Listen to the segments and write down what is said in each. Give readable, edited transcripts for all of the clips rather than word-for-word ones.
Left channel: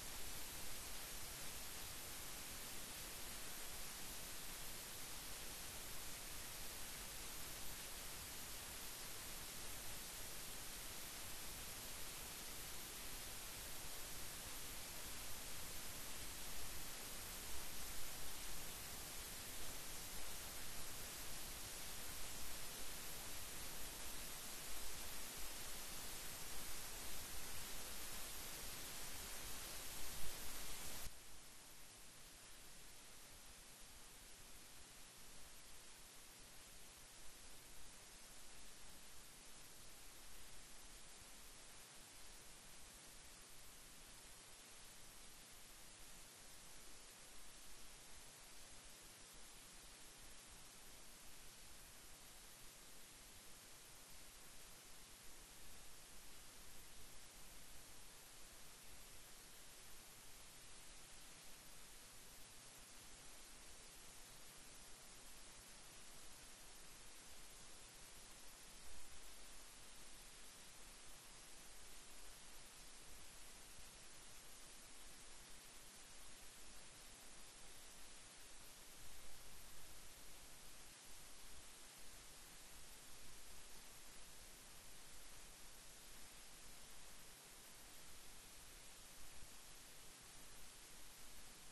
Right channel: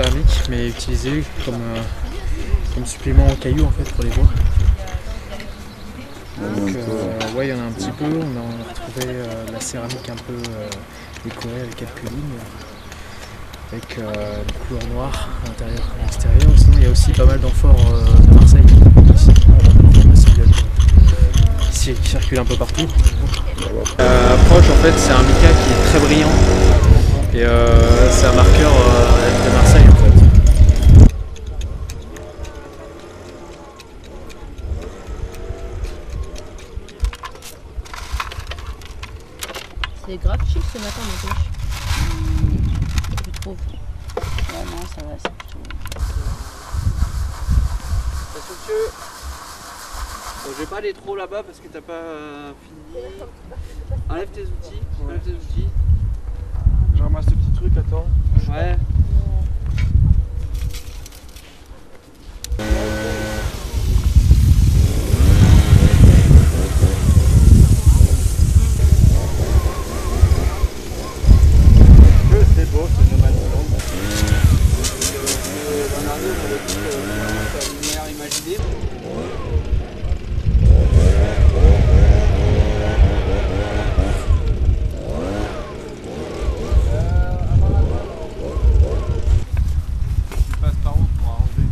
céramique, mais utilisée comme supplément au caillou en fait pour les voies. Donc ouais, il y en a un petit peu. On a retrouvé la céramique un peu décorée avec quelques lignes, avec une couleur noire à l'intérieur et à l'extérieur. Sinon, il y a aussi pas mal d'amphores de Marseille ici, qui circulent un peu partout. Approche, en fait, c'est un mica qui est très brillant et c'est un marqueur de Marseille en fait. C'est grave chic ce matin, mon poche. Tu trouves? Ouais, non, ça va, c'est plutôt. Monsieur, bon, je vais pas aller trop là-bas parce que t'as pas fini. Enlève tes outils. Enlève tes outils. Je ramasse ce petit truc, attends. Ouais. C'est beau, c'est No Man's Land. Bernardo, on avait dit que c'est une lumière imaginée. Tu passes par où pour arranger?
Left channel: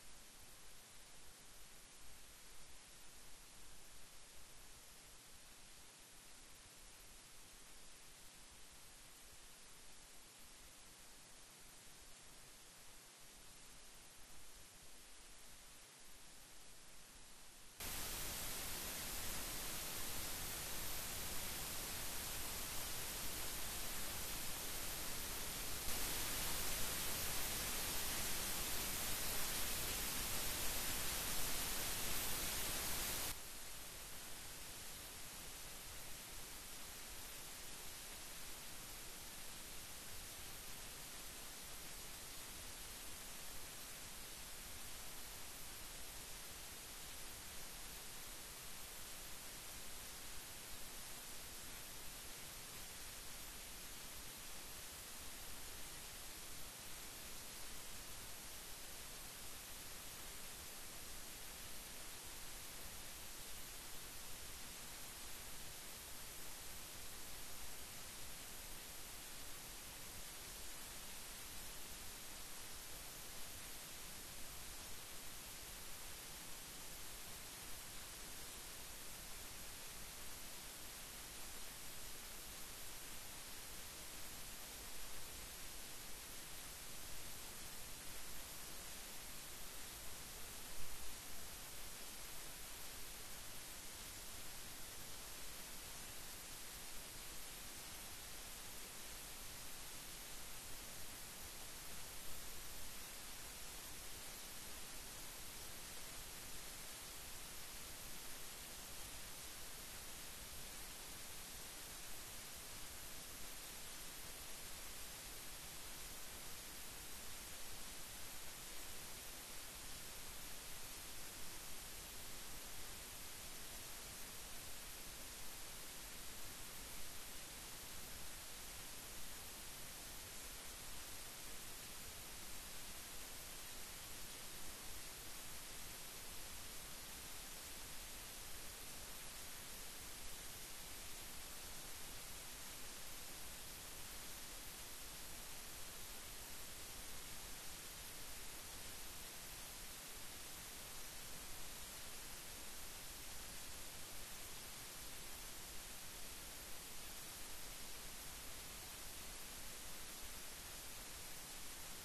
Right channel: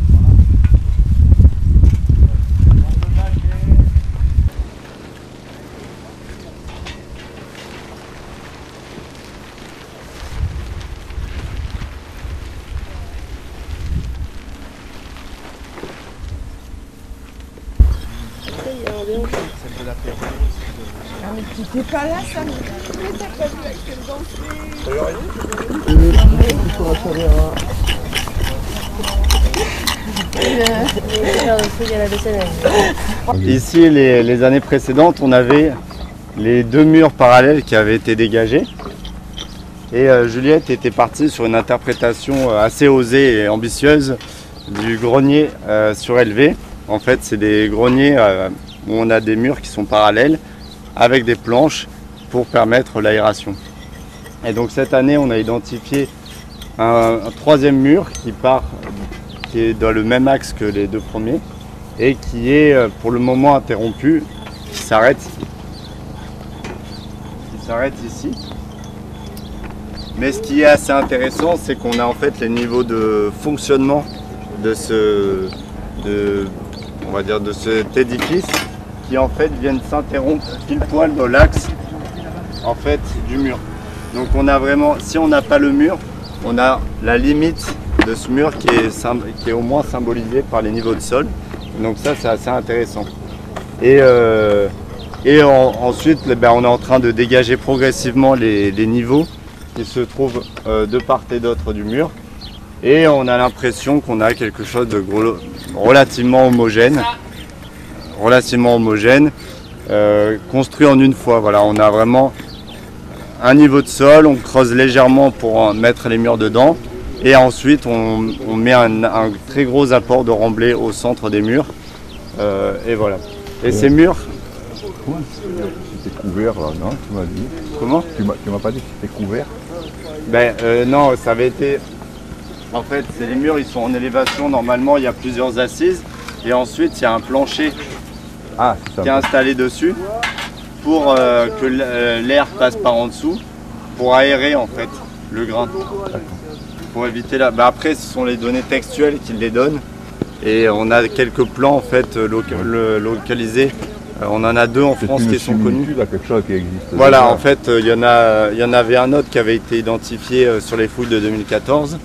C'est de la paix. Ah mais tu t'es pas là, ça mais t'as pas vu avec quelle danse. Ici, les années précédentes, on avait les deux murs parallèles qui avaient été dégagés. Et Juliette était partie sur une interprétation assez osée et ambitieuse du grenier surélevé. En fait, c'est des greniers où on a des murs qui sont parallèles avec des planches pour permettre l'aération. Et donc cette année, on a identifié un troisième mur qui est dans le même axe que les deux premiers et qui est pour le moment interrompu, qui s'arrête ici. Mais ce qui est assez intéressant, c'est qu'on a en fait les niveaux de fonctionnement de cet édifice qui en fait viennent s'interrompre pile poil dans l'axe en fait du mur. Donc on a vraiment, si on n'a pas le mur, on a la limite de ce mur qui est au moins symbolisé par les niveaux de sol. Donc ça c'est assez intéressant. Et ensuite on est en train de dégager progressivement les niveaux qui se trouvent de part et d'autre du mur. Et on a l'impression qu'on a quelque chose de relativement homogène, construit en une fois. Voilà, on a vraiment un niveau de sol, on creuse légèrement pour mettre les murs dedans. Et ensuite, on met un très gros apport de remblai au centre des murs. Et voilà. Et ces murs... C'était couvert là, non? Tu m'as dit. Comment? Tu m'as pas dit que c'était couvert? Non, ça avait été... En fait, les murs ils sont en élévation, normalement il y a plusieurs assises et ensuite il y a un plancher qui est installé dessus pour que l'air passe par en dessous pour aérer en fait le grain. Pour éviter la... après ce sont les données textuelles qui les donnent et on a quelques plans en fait localisés. On en a deux en France qui sont connus. Quelque chose qui existe. Voilà, en fait il y en avait un autre qui avait été identifié sur les fouilles de 2014.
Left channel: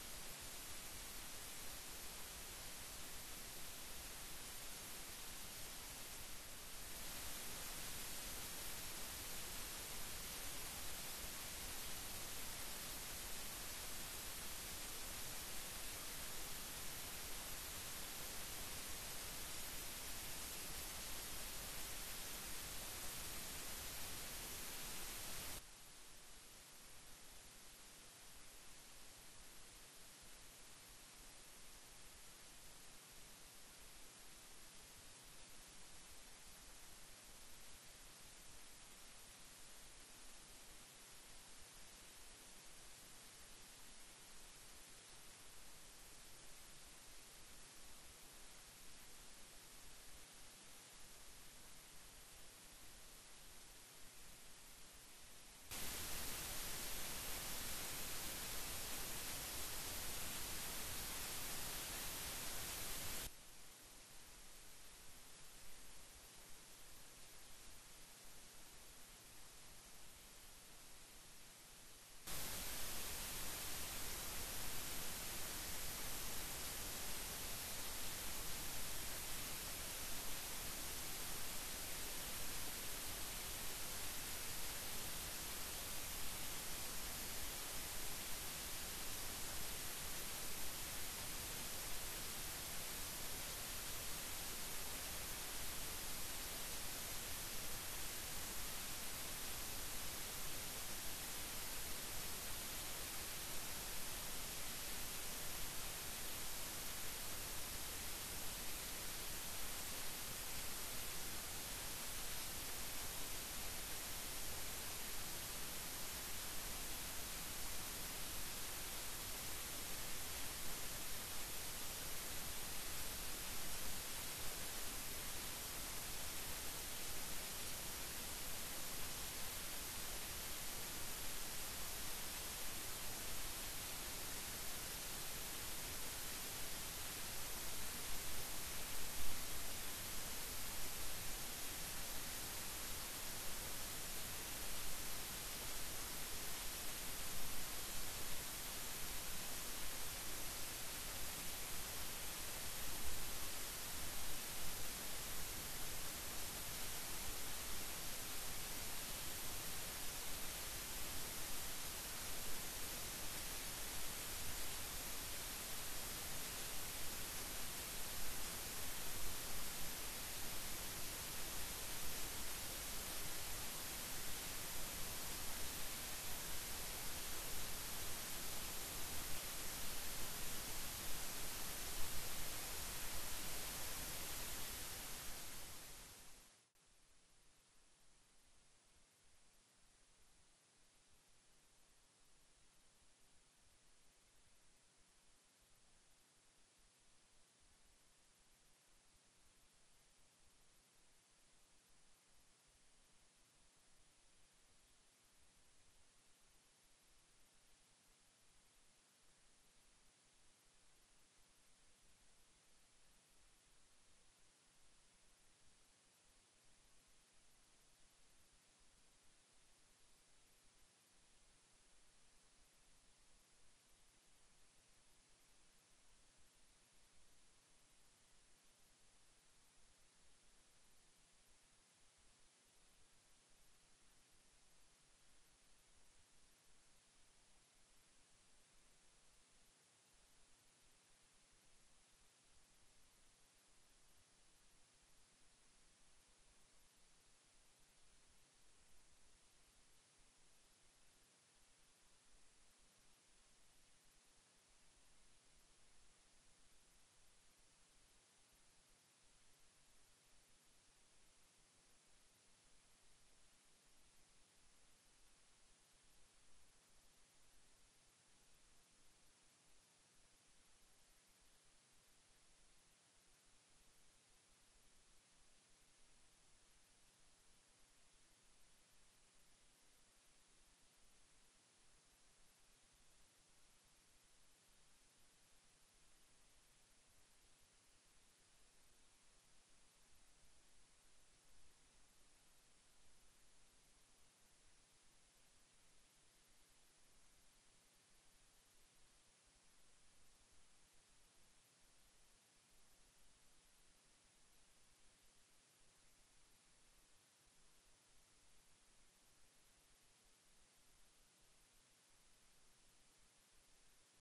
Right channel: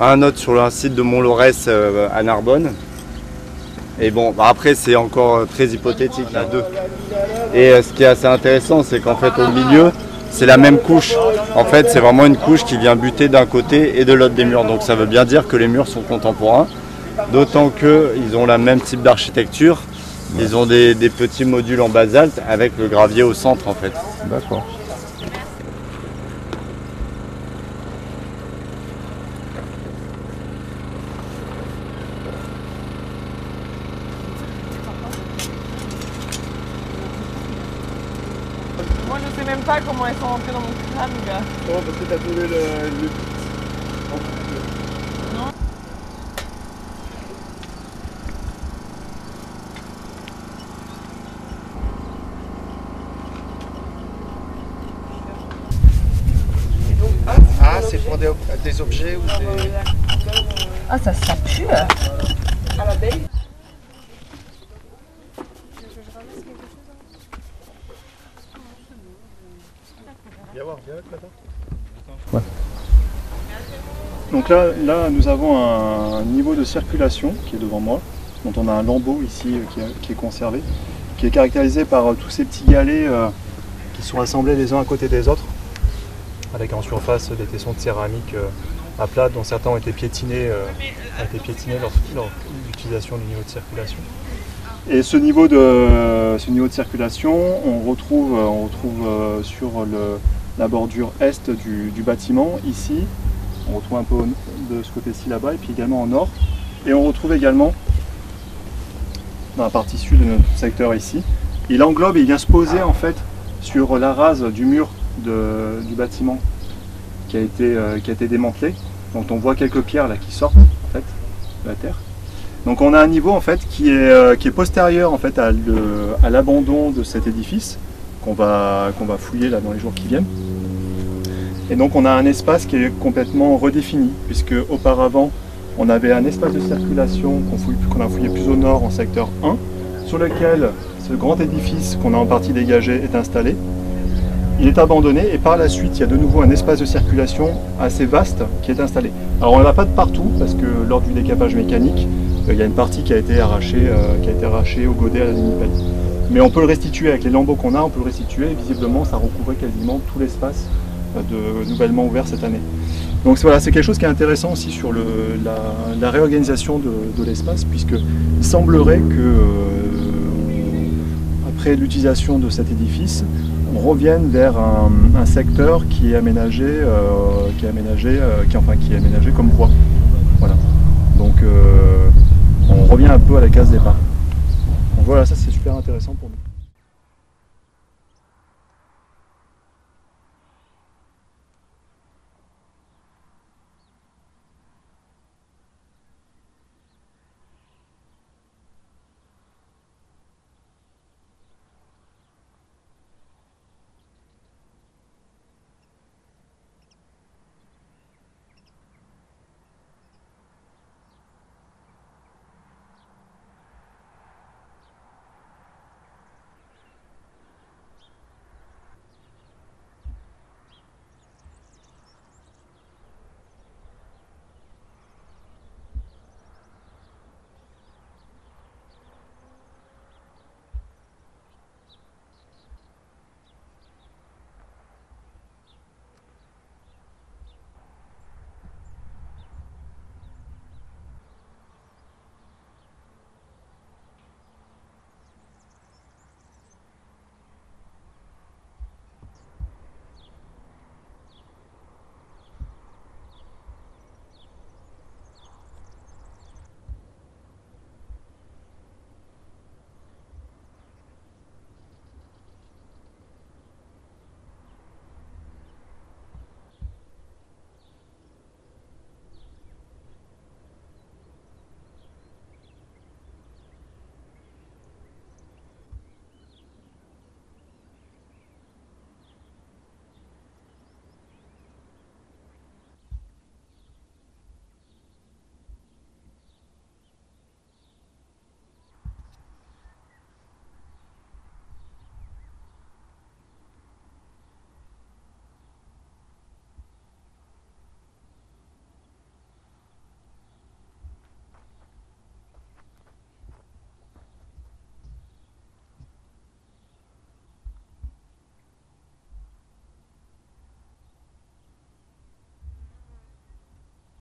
Un autre sur un site de Mont-Laurès à Narbonne. Et bon, après c'est encore très hypothétique, là, deux. Et ce qui est assez intéressant, c'est qu'en fait au milieu, c'est la même couche. En fait, c'est vraiment une couche qui vient buter d'un côté et de l'autre des murs. Donc ça veut bien dire que les murs sont contemporains. D'autant qu'ils ont le même type d'architecture. Ils ont des petits modules en basalte avec le gravier au centre en fait. D'accord. Moi je sais même pas comment elles sont rentrées dans mon crâne, gars. Oh, parce que t'as trouvé le sur des objets ou des... Ah, ça pue. À la belle. Ouais. Donc là, nous avons un niveau de circulation qui est devant moi, dont on a un lambeau ici qui est conservé, qui est caractérisé par tous ces petits galets qui sont assemblés les uns à côté des autres, avec en surface des tessons de céramique à plat, dont certains ont été piétinés lors de l'utilisation du niveau de circulation. Et ce niveau de circulation, on retrouve sur la bordure est du bâtiment, ici. On retrouve un peu de ce côté-ci là-bas, et puis également au nord. Et on retrouve également dans la partie sud de notre secteur ici. Il englobe et il vient se poser en fait sur la rase du mur du bâtiment qui a été démantelé. Donc on voit quelques pierres là qui sortent en fait de la terre. Donc on a un niveau en fait qui est postérieur en fait à l'abandon de cet édifice qu'on va fouiller là dans les jours qui viennent. Et donc on a un espace qui est complètement redéfini, puisque auparavant on avait un espace de circulation qu'on a fouillé plus au nord en secteur 1, sur lequel ce grand édifice qu'on a en partie dégagé est installé. Il est abandonné et par la suite il y a de nouveau un espace de circulation assez vaste qui est installé. Alors on n'en a pas de partout parce que lors du décapage mécanique, il y a une partie qui a été arrachée au godet à la limipelle. Mais on peut le restituer avec les lambeaux qu'on a, on peut le restituer et visiblement ça recouvrait quasiment tout l'espace nouvellement ouvert cette année. Donc voilà, c'est quelque chose qui est intéressant aussi sur la réorganisation de l'espace, puisqu'il semblerait que après l'utilisation de cet édifice, on revienne vers un secteur qui est aménagé, comme voie. Voilà. Donc on revient un peu à la case départ. Donc voilà, ça c'est super intéressant pour nous.